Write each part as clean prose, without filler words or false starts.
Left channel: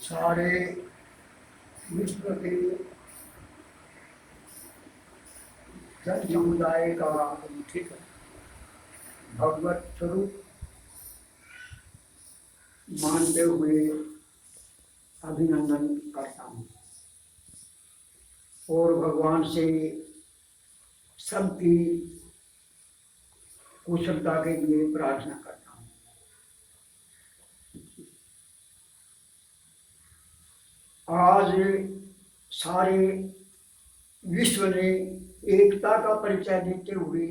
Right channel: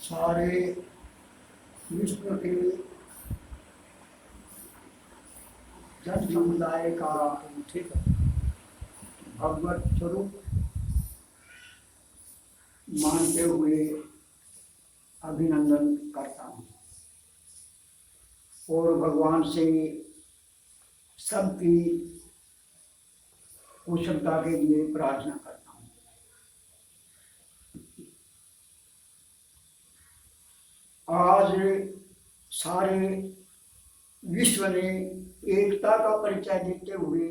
सारे विश्व के जन समुदाय का भगवत स्वरूप मानते हुए अभिनंदन करता हूँ और भगवान से सबकी कुशलता के लिए प्रार्थना करता हूँ। आज सारे विश्व ने एकता का परिचय देते हुए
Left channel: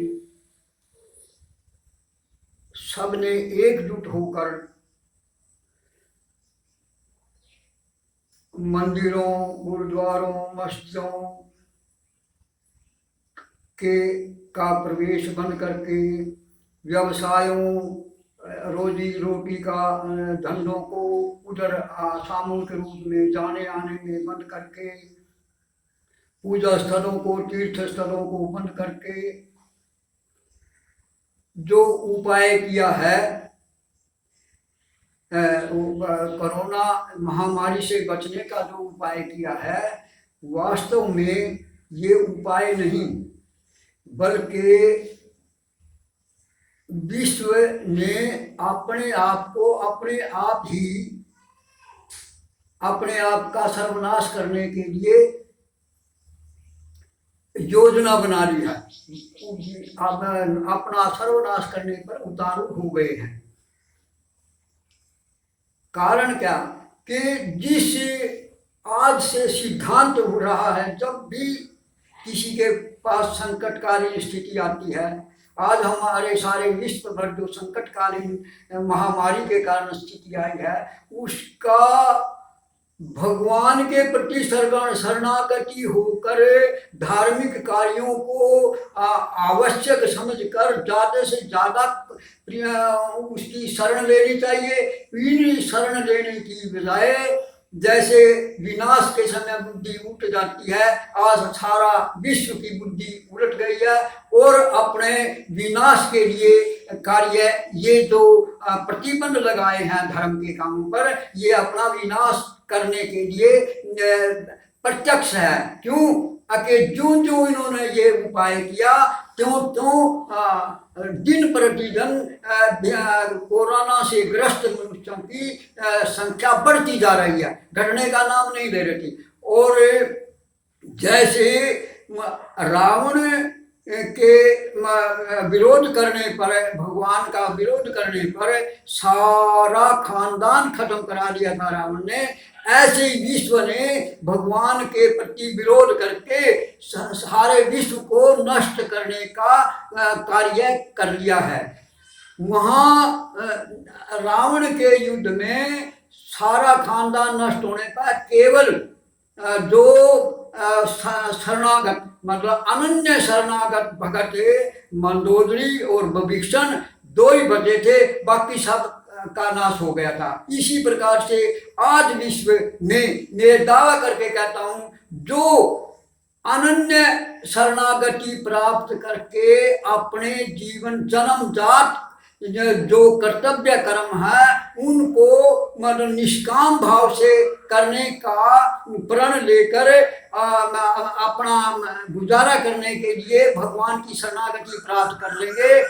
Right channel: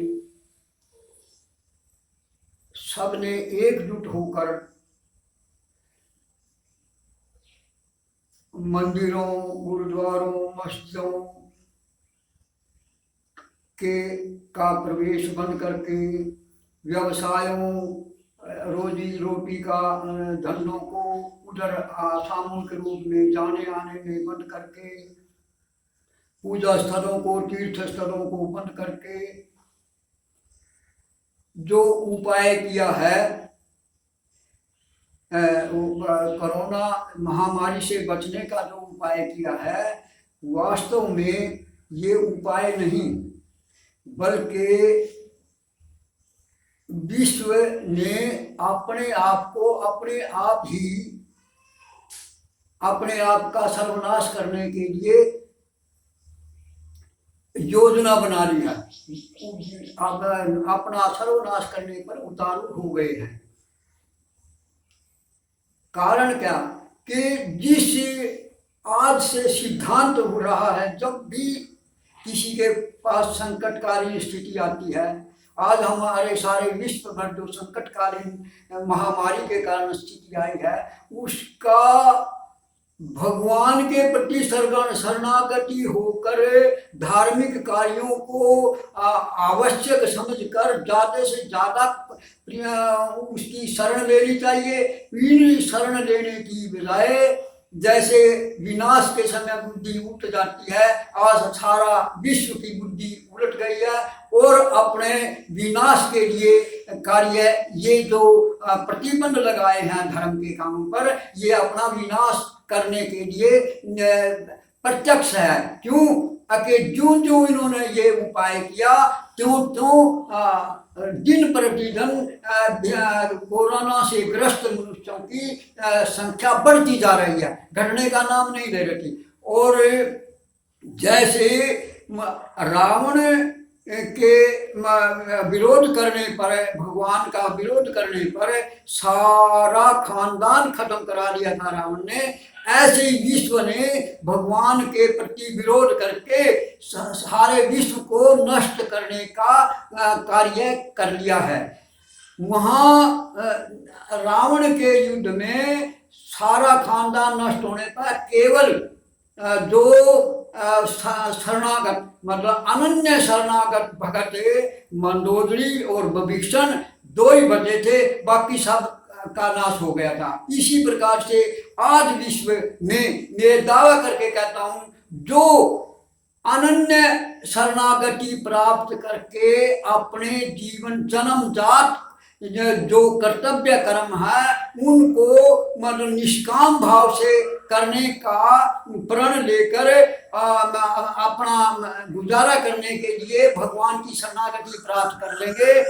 सबने एकजुट होकर मंदिरों, गुरुद्वारों, मस्जिदों का प्रवेश बंद करके व्यवसायों, रोजी रोटी का धंधों को उधर सामूहिक रूप में जाने आने में बंद करके, पूजा स्थलों को, तीर्थ स्थलों को बंद करके जो उपाय किया है कोरोना महामारी से बचने का जो उपाय किया है, वास्तव में ये उपाय नहीं बल्कि विश्व ने अपने आप को अपने आप ही अपने आप का सर्वनाश करने के लिए योजना बना ली है। अब अपना सर्वनाश करने पर उतारू हो गए हैं। कारण क्या कि जिस आज से सिद्धांत हो रहा है, जब भी किसी के पास संकटकालीन स्थिति आती है, आज हमारे सारे विश्व भर जो संकटकालीन महामारी के कारण स्थिति आई है, उसका भगवान के प्रति शरणागति होकर धार्मिक कार्यों को आवश्यक समझकर ज़्यादा से ज़्यादा उसकी शरण लेनी चाहिए। इन शरण लेने की बजाय जैसे विनाश के समय बुद्धि उठ जाती है, आज सारा विश्व की बुद्धि उलट गई है और अपने विनाश के लिए कार्य ये जो प्रतिबंध लगाए हैं धर्म के कामों पर, ये अपना विनाश करने के लिए प्रत्यक्ष है। क्यों? कि जो जो इन्होंने ये उपाय किया, त्यों त्यों दिन प्रतिदिन कोरोना से ग्रस्त मनुष्यों की संख्या बढ़ती जा रही है, घटने का नाम नहीं ले रही। और जैसे रावण के विरोध करने पर, भगवान का विरोध करने पर सारा खानदान खत्म करा दिया था रावण ने, ऐसे ही विश्व ने भगवान के प्रति विरोध करके सारे विश्व को नष्ट करने का कार्य कर लिया है। वहाँ रावण के युद्ध में सारा खानदान नष्ट होने पर केवल जो शरणागत मतलब अनन्य शरणागत भगत मंदोदरी और विभीषण दो ही बचे थे, बाकी सब का नाश हो गया था। इसी प्रकार से आज विश्व में मैं दावा करके कहता हूँ, जो अनन्य शरणागति प्राप्त करके अपने जीवन जन्मजात जो कर्तव्य कर्म है उनको मतलब निष्काम भाव से करने का प्रण लेकर अपना गुजारा करने के लिए भगवान की शरणागति प्राप्त कर लेंगे,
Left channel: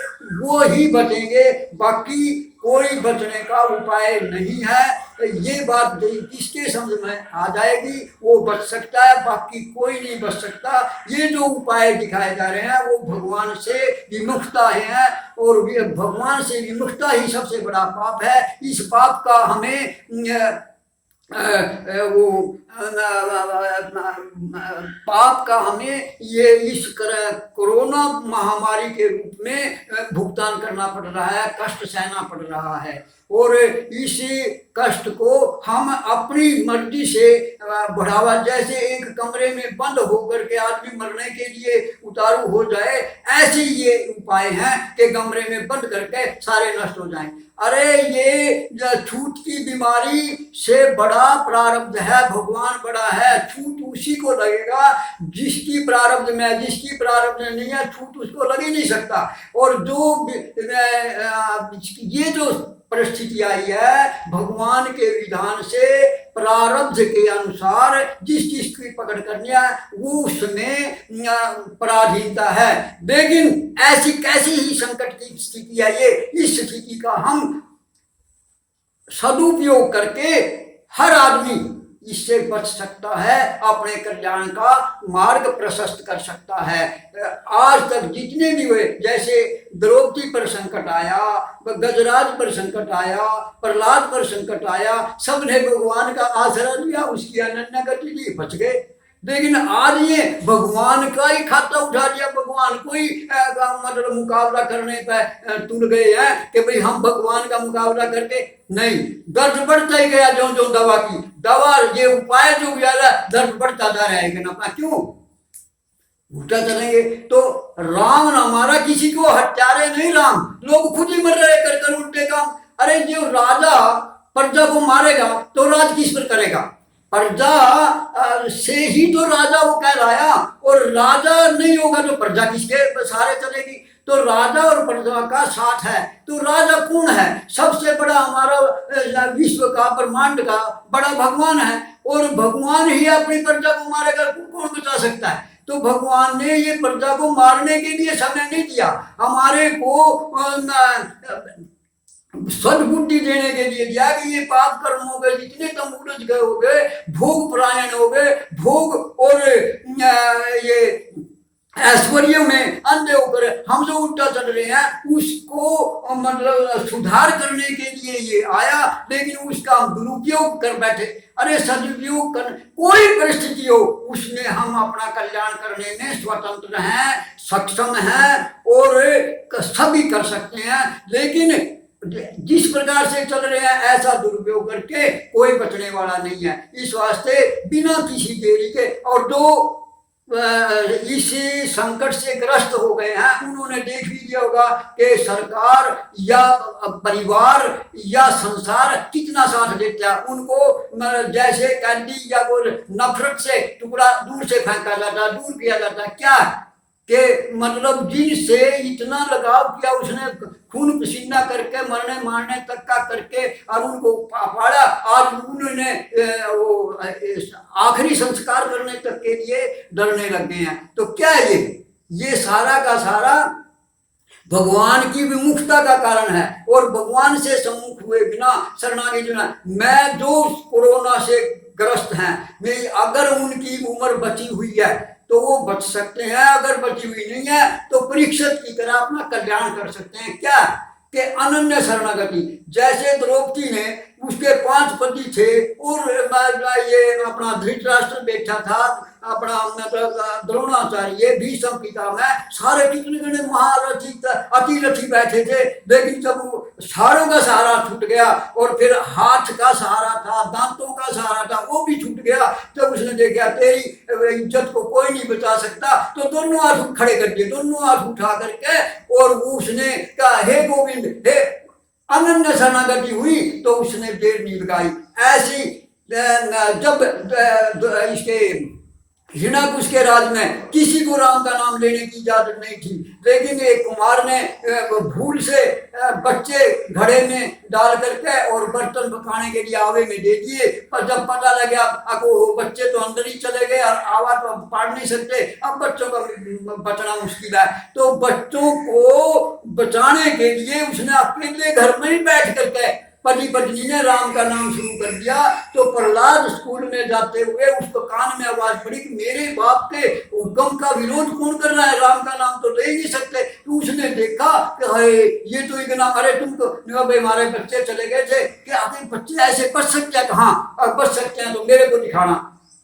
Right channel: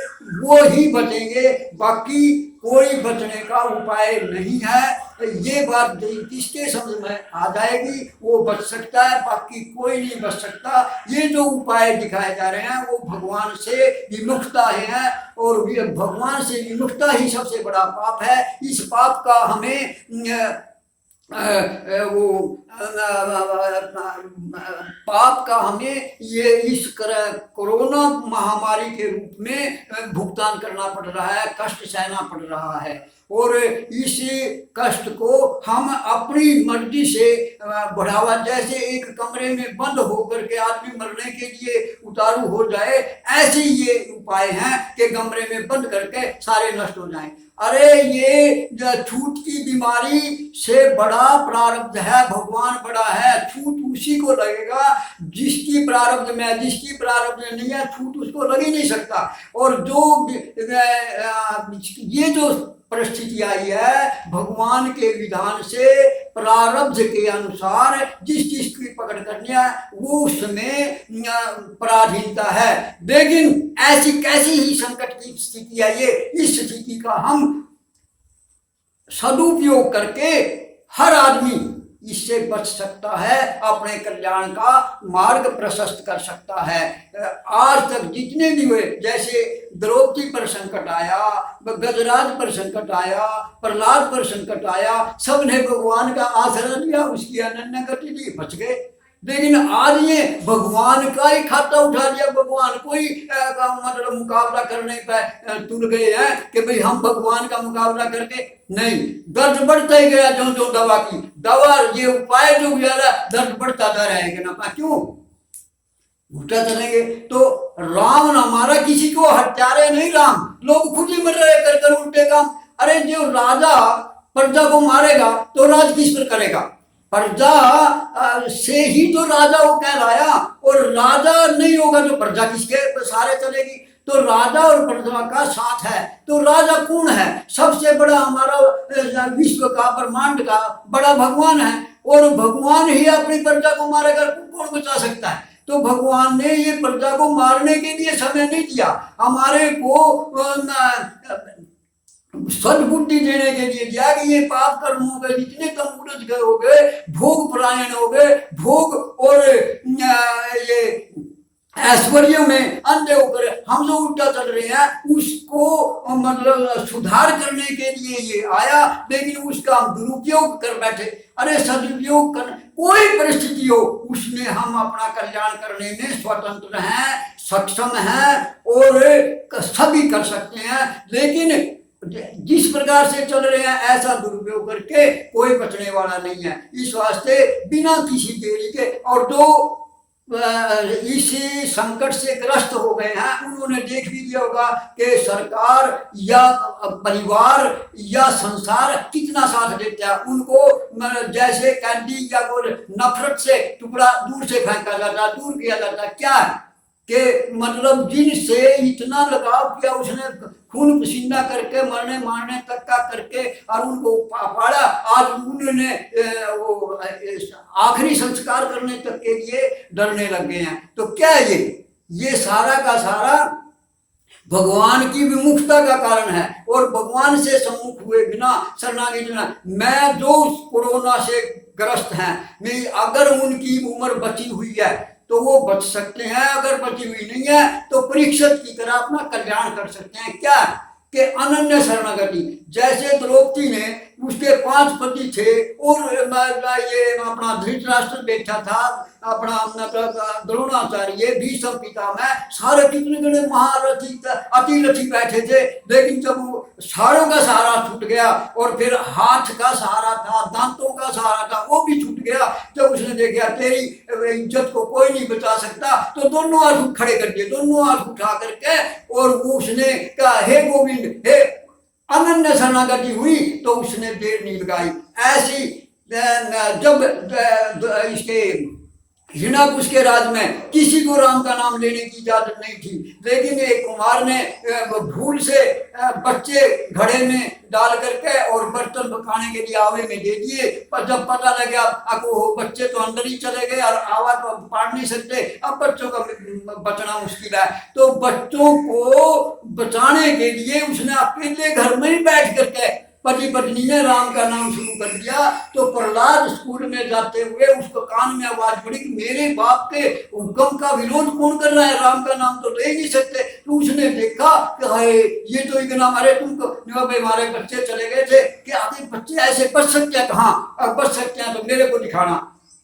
वो ही बचेंगे, बाकी कोई बचने का उपाय नहीं है। ये बात किसके समझ में आ जाएगी वो बच सकता है, बाकी कोई नहीं बच सकता। ये जो उपाय दिखाए जा रहे हैं वो भगवान से विमुखता है और भगवान से विमुखता ही सबसे बड़ा पाप है। इस पाप का हमें पाप का हमें ये इस कोरोना महामारी के रूप में भुगतान करना पड़ रहा है, कष्ट सहना पड़ रहा है। और इसी कष्ट को हम अपनी मर्जी से बढ़ावा, जैसे एक कमरे में बंद होकर के आदमी मरने के लिए उतारू हो जाए, ऐसे ये उपाय हैं कि कमरे में बंद करके सारे नष्ट हो जाएं। अरे ये छूत की बीमारी से बड़ा प्रारब्ध है, भगवान बड़ा है, छूत उसी को लगेगा जिसकी प्रारब्ध में, जिसकी प्रारब्ध में नहीं है छूत उसको लग ही नहीं सकता। और जो ये जो परिस्थिति आई है भगवान के विधान से, प्रारब्ध के अनुसार जिस चीज की पकड़ करनी है वो उसमें पराधीनता है। लेकिन ऐसी कैसी ही संकट की स्थिति है ये, इस स्थिति का हम सदुपयोग करके हर आदमी इससे बच सकता है, अपने कल्याण का मार्ग प्रशस्त कर सकता है। आज तक जितने भी हुए, जैसे द्रौपदी पर संकट आया, गजराज पर संकट आया, प्रहलाद पर संकट आया, सबने भगवान का आश्रय लिया, उसकी अनन्य गति दी, बच गए। लेकिन आज ये भगवान का ही खाता उठा लिया, भगवान को ही मतलब मुकाबला करने पर तुल गए हैं कि भाई हम भगवान का मुकाबला करके नहीं, दर्द बढ़ता ही गया जो जो दवा की दवा, ये उपाय जो गया दर्द बढ़ता जा रहेगा ना, क्यों उल्टा चलेंगे। तो राम न मारा किसी को, हत्यारे नहीं राम, लोग खुद ही मर रहे कर कर उल्टे काम। अरे जो राजा प्रजा को मारेगा तो राज किस पर करेगा, प्रजा से ही तो राजा वो कहलाया, और राजा नहीं होगा तो प्रजा किसके सहारे चलेगी। तो राजा और प्रजा का साथ है, तो राजा कौन है, सबसे बड़ा हमारा विश्व का ब्रह्मांड का बड़ा भगवान है, और भगवान ही अपनी प्रजा को मारेगा, कौन बचा सकता है। तो भगवान ने ये प्रजा को मारने के लिए समय नहीं दिया, हमारे को सद्बुद्धि देने के लिए दिया कि ये पाप कर्म हो गए, जितने तुम उलझ गए हो गए, भोग परायण हो गए, भोग और ये ऐश्वर्य में अंधे होकर हम जो उल्टा चल रहे हैं, उसको मतलब सुधार करने के लिए ये आया, लेकिन उसका हम दुरुपयोग कर बैठे। अरे सदुपयोग कर, कोई परिस्थिति हो उसमें हम अपना कल्याण करने में स्वतंत्र हैं, सक्षम हैं और सभी कर सकते हैं। लेकिन जिस प्रकार से चल रहे हैं ऐसा दुरुपयोग करके कोई बचने वाला नहीं है। इस वास्ते बिना किसी देरी के, और जो इसी संकट से ग्रस्त हो गए हैं उन्होंने देख भी दिया होगा कि सरकार या परिवार या संसार कितना साथ देता है उनको। जैसे कैंडी या कोई नफरत से टुकड़ा दूर से फेंका जाता, दूर किया जाता, क्या कि मतलब जिनसे इतना लगाव किया उसने, खून पसीना करके मरने मारने तक का करके और उनको पाड़ा, आज उन्होंने वो आखिरी संस्कार करने तक के लिए डरने लग गए हैं। तो क्या है ये सारा का सारा भगवान की विमुखता का कारण है, और भगवान से सम्मुख हुए बिना, शरणागति बिना, मैं जो कोरोना से ग्रस्त हैं, मैं अगर उनकी उम्र बची हुई है तो वो बच सकते हैं, अगर बची हुई नहीं है तो परीक्षित की तरह अपना कल्याण कर सकते हैं। क्या कि अनन्य शरणागति, जैसे द्रौपदी ने, उसके 5 पति थे और ये अपना धृतराष्ट्र बैठा था, अपना द्रोणाचार्य, भीष्म पितामह, सारे कितने जने महारथी अतिरथी बैठे थे। लेकिन जब सारों का सहारा छूट गया और फिर हाथ का सहारा था, दांतों का सहारा था, वो भी छूट गया, जब उसने देखा तेरी इज्जत को कोई नहीं बचा सकता, तो दोनों हाथ खड़े कर दिए, दोनों हाथ उठा करके, और उसने कहा हे गोविंद, हे अनन्य शरणागति हुई, तो उसने देर नहीं लगाई। ऐसी जब इसके हिरण्याकुश के राज में किसी को राम का नाम लेने की इजाजत नहीं थी, लेकिन एक कुमार ने भूल से बच्चे घड़े में डाल करके और बर्तन पकाने के लिए आवे में दे दिए, पर जब पता लगा अब वो बच्चे तो अंदर ही चले गए और आवाज तो पाड़ नहीं सकते, अब बच्चों का बचना मुश्किल है, तो बच्चों को बचाने के लिए उसने अकेले घर में ही बैठ करके पति पत्नी ने राम का नाम शुरू कर दिया। तो प्रहलाद स्कूल में जाते हुए उसको कान में आवाज पड़ी कि मेरे बाप के हुक्म का विरोध कौन कर रहा है, राम का नाम तो ले नहीं सकते। तो उसने देखा कि हाय ये तो इतना, अरे तुमको भाई हमारे बच्चे चले गए थे कि आखिर बच्चे ऐसे बच सकते हैं, कहाँ अब बच सकते हैं, तो मेरे को दिखाना।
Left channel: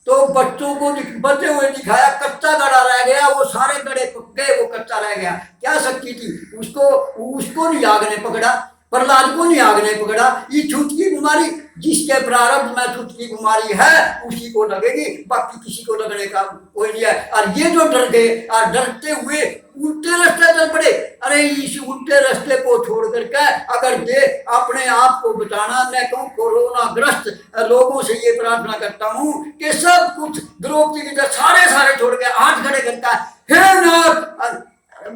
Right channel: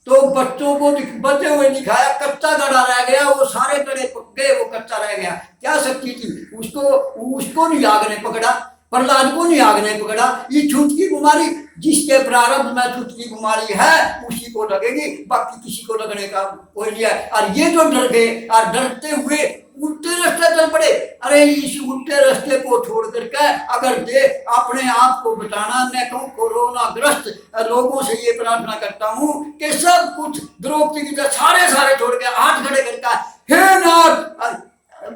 तो बच्चों को बचे हुए दिखाया, कच्चा गड़ा रह गया, वो सारे गड़े पक गए, वो कच्चा रह गया। क्या शक्ति थी उसको नहीं आग ने पकड़ा, प्रहलाद को नहीं आग ने पकड़ा। ये छूत की बीमारी जिसके प्रारब्ध में छूत की बीमारी है उसी को लगेगी, बाकी किसी को लगने का कोई नहीं है। और ये जो डर गए और डरते हुए उल्टे रास्ते चल पड़े, अरे इस उल्टे रास्ते को छोड़ करके अगर ये अपने आप को बचाना, मैं कहूँ कोरोना ग्रस्त लोगों से ये प्रार्थना करता हूँ कि सब कुछ द्रौपदी की सारे छोड़ के हाथ खड़े करता है, हे नाथ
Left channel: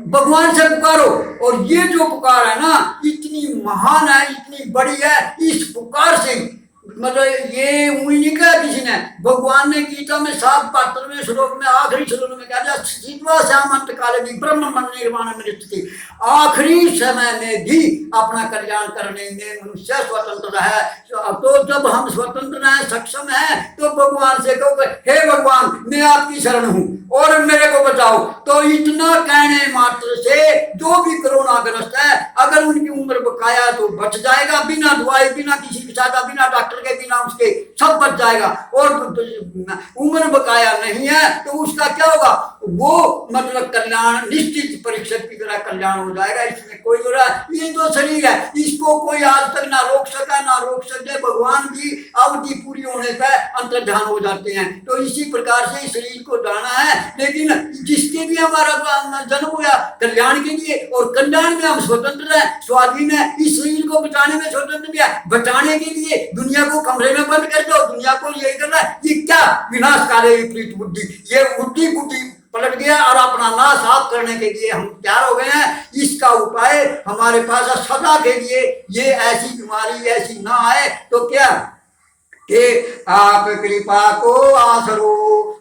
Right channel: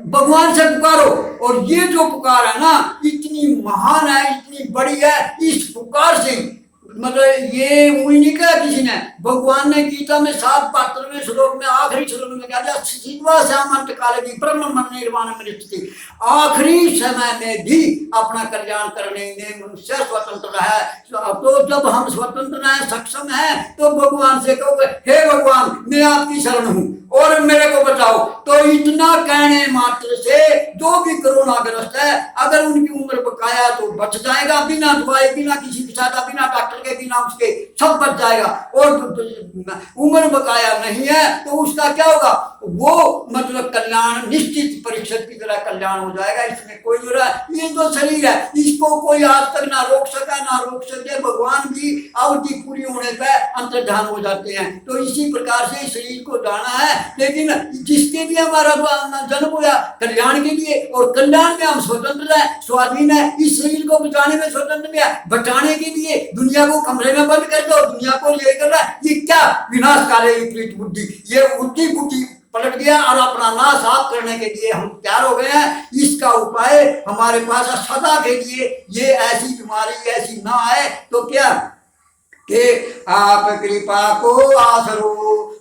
भगवान से पुकारो। और ये जो पुकार है ना इतनी महान है, इतनी बड़ी है, इस पुकार से मतलब ये उंगली नहीं कहा किसी ने, भगवान ने गीता में 7-72वें श्लोक में आखिरी श्लोक में कहा शिवा श्यामंत काले भी ब्रह्म मन निर्वाण में स्थिति, आखिरी समय में भी अपना कल्याण करने में मनुष्य स्वतंत्र है। तो जब हम स्वतंत्र है, सक्षम है, तो भगवान से कहो हे भगवान मैं आपकी शरण हूँ और मेरे को बचाओ। तो इतना कहने मात्र से जो भी कोरोना ग्रस्त है अगर उनकी उम्र बकाया तो बच जाएगा, बिना दवाई, बिना किसी की सहायता, बिना डॉक्टर के, बिना उसके सब बच जाएगा। और उम्र बकाया नहीं है तो उसका क्या होगा, वो मतलब कल्याण निश्चित परिषद की तरह कल्याण हो जाएगा। इसमें कोई हो रहा है, ये जो शरीर है इसको कोई आज तक ना रोक सका ना रोक सके, भगवान की अवधि पूरी होने पर अंतर्ध्यान हो जाते हैं। तो इसी प्रकार से शरीर को जाना है, लेकिन जिसके लिए हमारा जन्म हुआ कल्याण के लिए, और कल्याण में हम स्वतंत्र है, स्वाधीन है। इस शरीर को बचाने में स्वतंत्र है, बचाने के लिए दुनिया को कमरे में बंद कर दो, दुनिया को ये कर रहा है, ये क्या विनाश काले विपरीत बुद्धि, ये बुद्धि पलट गया और अपना नाश साफ करने के लिए हम तैयार हो गए हैं। इसका उपाय हमारे पास सदा के लिए, ये ऐसी बीमारी ऐसी ना आए तो क्या कि आप कृपा को आसरो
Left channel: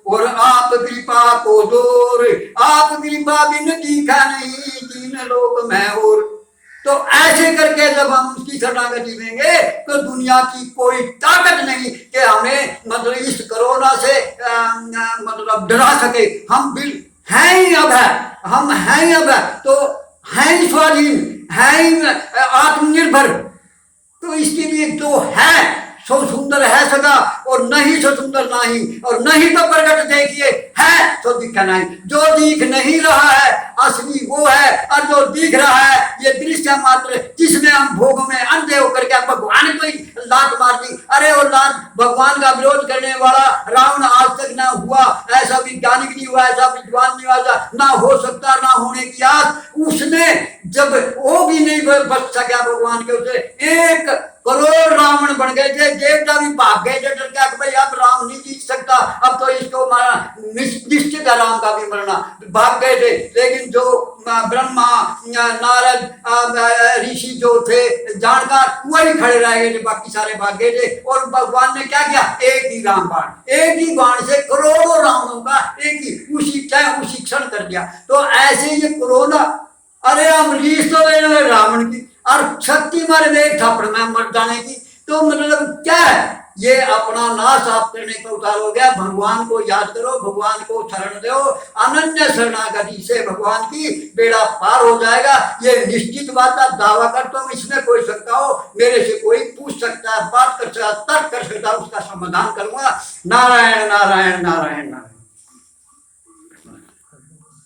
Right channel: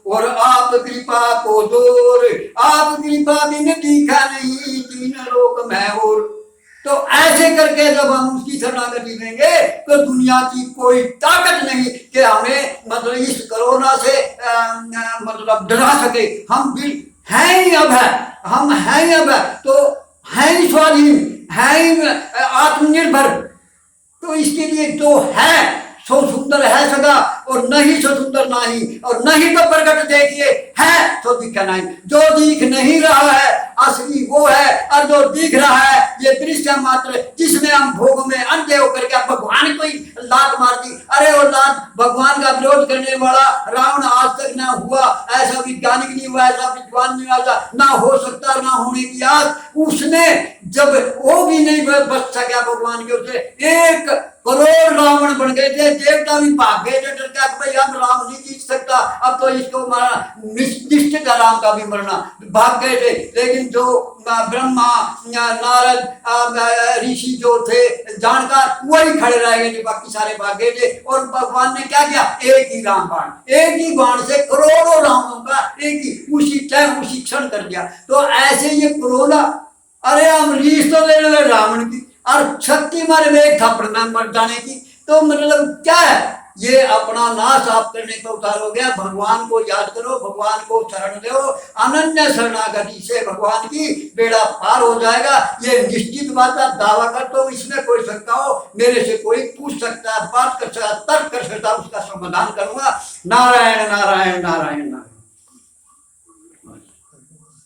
और आप कृपा को जोर, आप कृपा बिन दिखा नहीं तीन लोक में और। तो ऐसे करके जब हम उसकी शरणागति देंगे तो दुनिया की कोई ताकत नहीं कि हमें मतलब इस कोरोना से मतलब डरा सके। हम बिल हैं ही अब है, हम हैं ही अब है, तो हैं ही स्वाधीन, हैं ही आत्मनिर्भर। तो इसके लिए जो है सो सुंदर है सदा और नहीं सो सुंदर नहीं, और नहीं तो प्रकट देखिए है तो दिखा नहीं। जो दिख नहीं रहा है असली वो है, और जो दिख रहा है ये दृश्य मात्र, जिसमें हम भोग में अंधे होकर के भगवान को ही लात मार दी। अरे वो लात भगवान का विरोध करने वाला रावण आज तक ना हुआ, ऐसा वैज्ञानिक नहीं हुआ, ऐसा विद्वान नहीं हुआ, ना हो सकता ना होने की आस उसने, जब वो भी नहीं बच सका भगवान के उससे, 1 करोड़ रावण बन गए थे, देवता भी भाग गए थे डर के भाई अब राम नहीं जीत सकता, अब तो इसको मारा, निश्चित है राम का भी मरना, भाग गए थे। लेकिन जो ब्रह्मा नारद ऋषि जो थे जानकार वही खड़े रह गए थे, बाकी सारे भाग गए थे। और भगवान ने क्या किया, एक ही राम बाण, एक ही बाण से करोड़ों रावणों का एक ही उसी टाइम उसी क्षण कर दिया। तो ऐसे ये कोरोना, अरे हम रीस तो ले रहे रावण की और शक्ति मारे में एक थप्पड़ में मर जाने की, तो मतलब क्या है, ये अपना नाश आप करने का उतार हो गया। भगवान को याद करो, भगवान को शरण दो, अनन्य शरणागति से भगवान की बेड़ा पार हो जाएगा। ये निश्चित बात है, दावा कर तो इसमें कोई सकता हो, मेरे से कोई पूछ सकता है, बात कर सकता, तर्क कर सकता, उसका समाधान करूंगा। नारायण नारायण नारायण नारायण।